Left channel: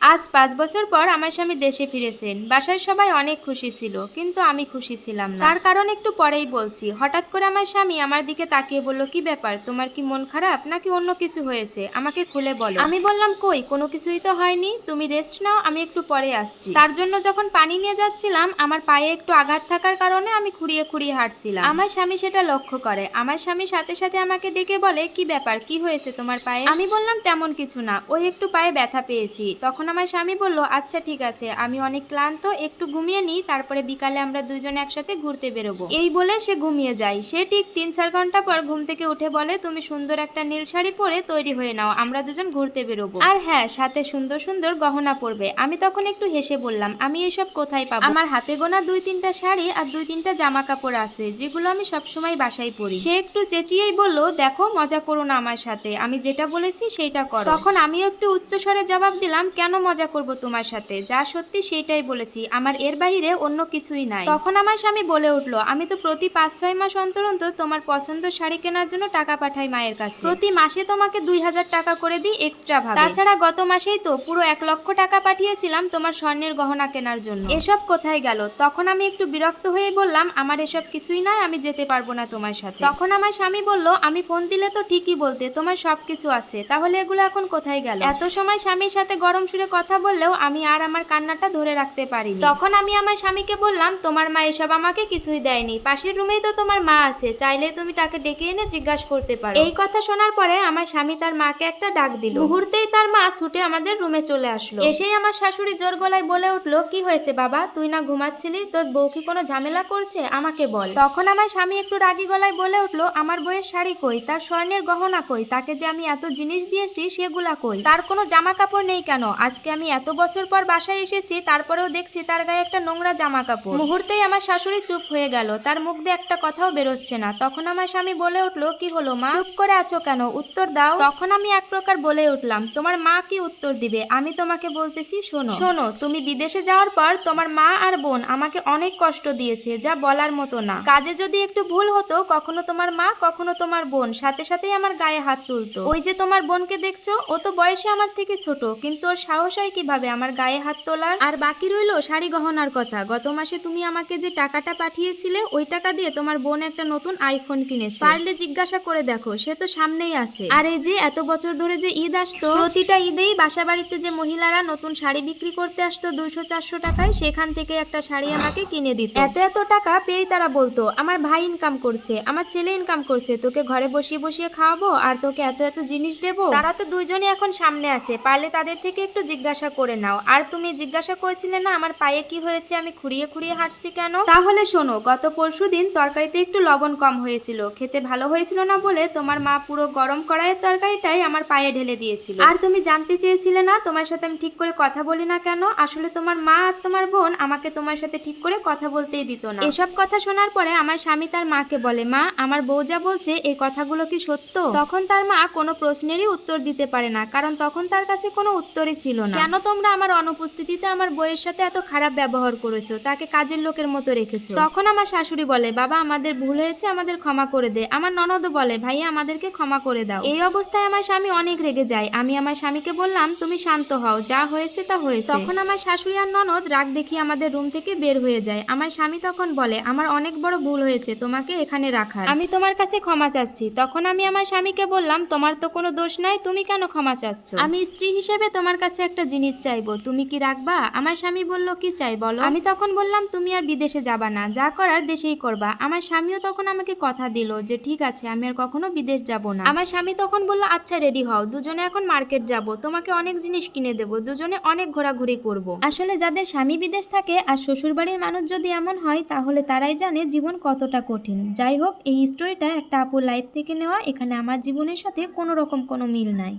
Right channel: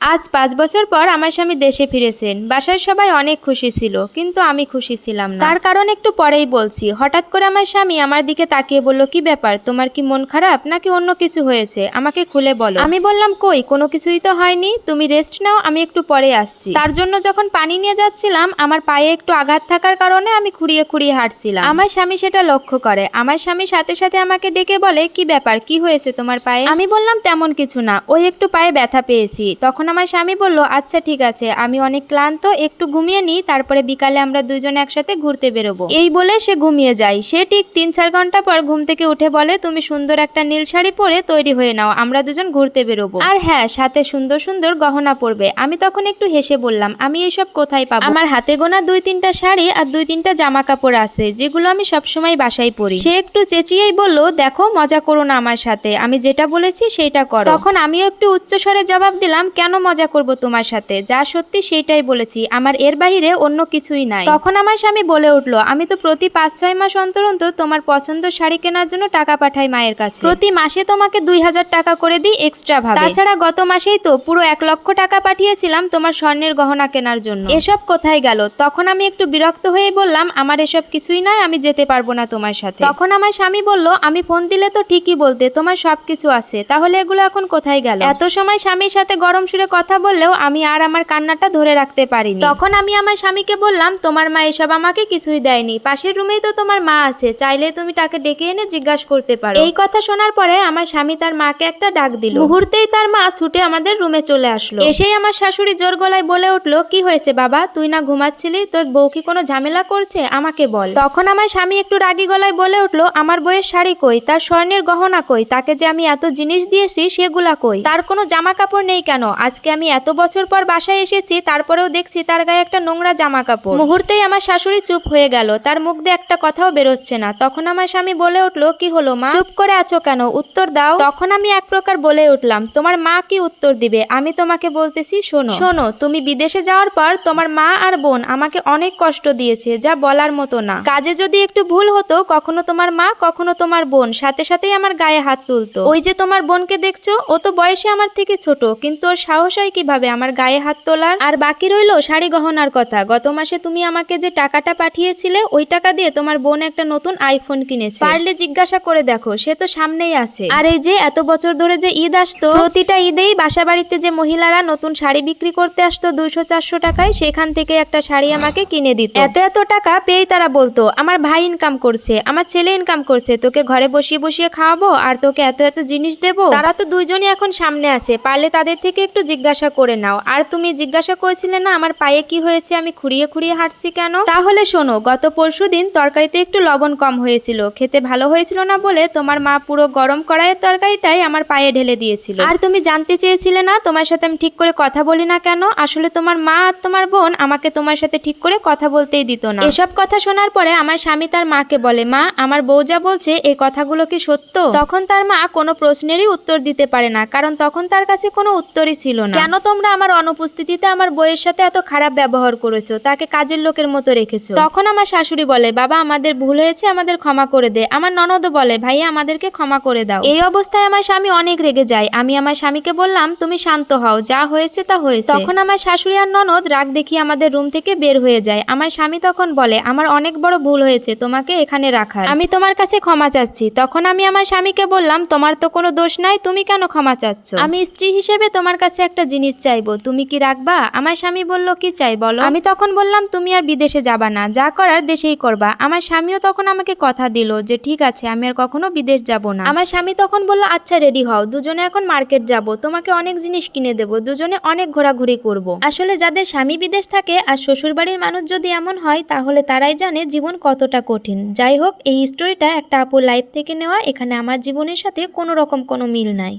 আজ পাঁচ বছর পর আমার স্বামী দেশে ফিরেছেন। বাসার সবাই অনেক খুশি ছিল, কিন্তু আমি খুশি ছিলাম না। তার কারণ একটু পরেই বলছি, হঠাৎ করে আমার স্বামী আমার দিকে তাকিয়ে বলল, কি ব্যাপার? তোমার কি মন খারাপ নাকি অন্য কিছু হয়েছে? আমাকে খুলে বলো। আমি বললাম, কই? কোনো কিছুই তো হয়নি। তুমি রেস্ট নাও, আমি একটু পরে আসছি। তার জন্য যখন পানি নিয়ে যাচ্ছিলাম, আমার পায়ে একটু আঘাত থাকার কারণে আমি খুঁড়িয়ে খুঁড়িয়ে হাঁটছিলাম। আমার স্বামী সেটা লক্ষ্য করে। আমার স্বামী সাথে সাথে আমাকে ডেকে বলে, কি ব্যাপার? কি হয়েছে তোমার পায়ে? আমি বললাম, তেমন কিছু না। ওই একটু পায়ে ব্যথা পেয়েছি। তখন আমার স্বামী বলল আচ্ছা ঠিক আছে, আমি অনেক ক্লান্ত, একটু ঘুমিয়ে নিই, তারপরে বিকালে আমরা দুজন একসাথে ঘুরতে বেরোবো। এই বলে সে ঘুমিয়ে যায়। সে ঠিক তিন চার ঘণ্টা পর ঘুম থেকে উঠে বলে, তুমি সুন্দর একটা নীল শাড়ি পরে তৈরি হয়ে নাও, আমরা দুজন ঘুরতে বেরোবো। আর হ্যাঁ সাথে সুন্দর সুন্দর গহনা পরবে। আমি তখন একটু হেসে বললাম, আমি এসব কোথায় পাবো? আমার হাতে গোনা দুই তিনটা শাড়ি আর দুই তিনটা জামা কাপড় আছে, যেগুলো আমি সবসময় বাসায় পরি। সে একটু চেঁচিয়েই বলল, দেখো, মজা করো না আমার সাথে, আমি যেটা বলেছি সেটা করো। তখন আমিও একটু উচ্চ স্বরে জবাব দিলাম, কেন মজা করব তোমার সাথে। যা সত্যি সেটাই বলেছি। আমার এর বাইরে অন্য কিছুই নাই। তখন আমার স্বামী বলে উঠল, আমি তো প্রতি পাঁচ ছয় মাস অন্তর অন্তর তোমার পছন্দ শাড়ি কেনার জন্য টাকা পাঠাই মায়ের কাছে। প্রতি মাসে তোমাকে দুই হাজার টাকা করে দিই এক্সট্রা ভাবে। তাছাড়া গত মাসেই তো পুরো এক লক্ষ টাকা পাঠিয়েছিলাম তোমার স্বর্ণের গহনা কেনার জন্য। এসব কোথায় গেল? তখন আমি একটু বিরক্ত হয়ে বললাম, আমার এসব কিছুই নয় আমি যেতে পারব না তোমার সাথে। তখন আমার স্বামী বলল, আমি ফোন দিলে তো ঠিকই বলতে, তোমার সব কিছু আছে। তাহলে এগুলো এখন কোথায় গেল? এত সময় স্বামীর সাথে গরম সুরে কথা বললেও আমি আর আমার কান্নাটা ধরে রাখতে পারিনি। তখন আমি আমার স্বামীকে বললাম, তোমার মা এসব আমাকে কিছুই দেয়নি। পাশের রুমেই তো তোমার মা আছে। চাইলে তুমি তাকে ডেকে এনে জিজ্ঞাসা করতে পারো। এই কথা শোনার পরে আমার স্বামী তার মাকে একটা ডাক দিল। মুহূর্তেই তার মা ছুটে আমাদের রুমে চলে আসলো। এসেই আমার শাশুড়ি জোর গলায় বলে উঠল, কি হয়েছে বাবা? তুই না ঘুমাচ্ছিলি? তোর বউ কি কোনো ঝামেলা করছে? আমাকে বল। তখন আমার স্বামী একটু রাগী গলায় বলে উঠল, আমার বইয়ের শাড়ি কই? তার স্বর্ণের গহনা কই? তাকে যে আমি এত জিনিস দিয়েছি সেগুলা কই? তার কোনো জামা কাপড় নেই কেন? আজকে আমি এত বছর পর বাসায় এসেছি, তারপরেও দেখছি তার গায়ে একটা নোংরা জামা কাপড় মুহূর্তেই আমার শাশুড়ি চুপ হয়ে গেল, তার মুখ দিয়ে একটা কথাও বেরোচ্ছে না। তখন আমার স্বামী বলে উঠল, কি হলো মা? চুপ করে আছো কেন? উত্তর দাও। তখন আমি এক প্রকার বলে উঠলাম, তোমার মা কি উত্তর দিবে? আমি তোমাকে বলতেছি, শোনো। শোনো, তুমি বিদেশে যাওয়ার পর তোমার মা আর বোন আমাকে অনেক কষ্ট দিয়েছে, যা বলার মতো না। কাজে যদি একটু ভুল হতো, কখনো তোমার মা, কখনো তোমার বোন, সাথে সাথেই আমার গায়ে হাত তুলতো। ওই যে তোমার বোনকে দেখছ, ও তো বয়সে আমার থেকে ছোট, কিন্তু ওর সাহস হয় কীভাবে? আমার গায়ে হাত তোলার আর বাকি রইল শাড়ি গহনার কথা। গত মাসে তুমি আমাকে যে টাকাটা পাঠিয়েছিলে, ওই টাকা দিয়ে তোমার বোন একটা নতুন আইফোন কিনেছে। পারলে জিজ্ঞাসা করে দেখো, সে তো সামনেই আছে। আর এই যে, এত বছর ধরে যে ঈদ আসতো, প্রতিটা ঈদেই বাসা বাড়িতে যে মহিলারা নতুন শাড়ি বিক্রি করতে আসতো দুইশো চারশো টাকায়, সেখান থেকে একটা শাড়ি আমাকে কিনে দিত। এত এত টাকা পেয়েই তারা বলতো, আমার ভাই ইনকাম করছে, আমার ছেলে ইনকাম করছে, তোকে ঘরে বসিয়ে বসিয়ে খাওয়াবো, আর তোকে এত এত জিনিস দেবো? তারা তো দুইজনই এখন সামনে আছে, পারলে তাদের থেকে একটু জিজ্ঞাসা করে নাও। আর তুমি জিজ্ঞাসা করেছিলে না, আমার পায়ে কি হয়েছে, আমি খুঁড়িয়ে খুঁড়িয়ে হাঁটছি কেন? তাহলে শোনো, গত পরশু দিন তরকারিতে একটু লবণ কম হয়েছিল। খেতে ভালো হয়েছিল না বলে তোমার মা পুরো গরম কড়াইয়ের তরকারিটাই আমার পায়ে ঢেলে দিয়েছিল। আর তুমি জানতে চেয়েছিলে না, তোমার সাথে আমি ঠিক করে কথা বলি না কেন? আসলে তোমার মা আর তোমার বোন আমাকে তোমার সাথে ঠিক করে কথা বলতেই দিত না। এসব কথা শোনার পরে আমার স্বামী তার মাকে বলে, মা, আমার বউ যা বলছে এই কথাগুলো কি সত্য? তখন তার মা কোনো প্রশ্নেরই উত্তর দিতে পারে না, কারণ তখন তার কাছে কোনো উত্তরই ছিল না। কেন তোমরা আমার অনুপস্থিতিতে আমার বইয়ের সাথে এত খারাপ ব্যবহার করেছ? তাকে কাজের লোকের মতো রেখেছো। তখন আমার শাশুড়ি বলে, বাবা, আমাদের ভুল হয়েছে, আমাদের ক্ষমা করে দে। আমার ননদ বলে, ভাইয়া, আমাদেরকে ক্ষমা করে দাও। এই অবস্থায় আমার স্বামী অনেক রেগে যায়। আমি আমার স্বামীকে বললাম, তুমি শান্ত হও, যা হয়েছে তা হয়েছে। তখন আমার শাশুড়ি আর ননদ রাগ দেখিয়ে আমাদের রুম থেকে বের হয়ে যায়। আমার স্বামী তখন বলে, আমার অনেক বড় ভুল হয়েছে, তোমাকে এখানে রাখার। আমি তোমার কাছে ক্ষমা চাচ্ছি। তখন আমি আমার স্বামীকে বললাম, তোমার তো কোনো দোষ নাই, তুমি কেন ক্ষমা চাচ্ছ? আমি স্ত্রী হিসেবে তোমার কাছে একটা জিনিস চাইব, তুমি কি রাখবা? আমার স্বামী বলল, কি চাই বলো? আমি তখন বললাম, তুমি আর বিদেশে যাবা না, যা করার দেশেই করবা। আমার স্বামীও তখন আমাকে কথা দিল যে, ঠিক আছে, আমি আর কখনো বিদেশ যাব না। আমার স্বামী তখন বলল আচ্ছা রেডি হও, দুজনে এখন মার্কেট যাব, তোমাকে অনেক জিনিস কিনে দেবো, দুজনে অনেক ঘোরাঘুরি করব। আসলে যাদের স্বামী বিদেশ থাকে আর শ্বশুর বাড়ির মানুষ যদি এমন হয়, তাহলে তারাই জানে জীবন কতটা কঠিন। যাই হোক, এই স্টোরিটা একটা আপুর লাইফ থেকে নেওয়া, এখানে আমার জীবনের সাথে কোনো রকম কোনো মিল নাই।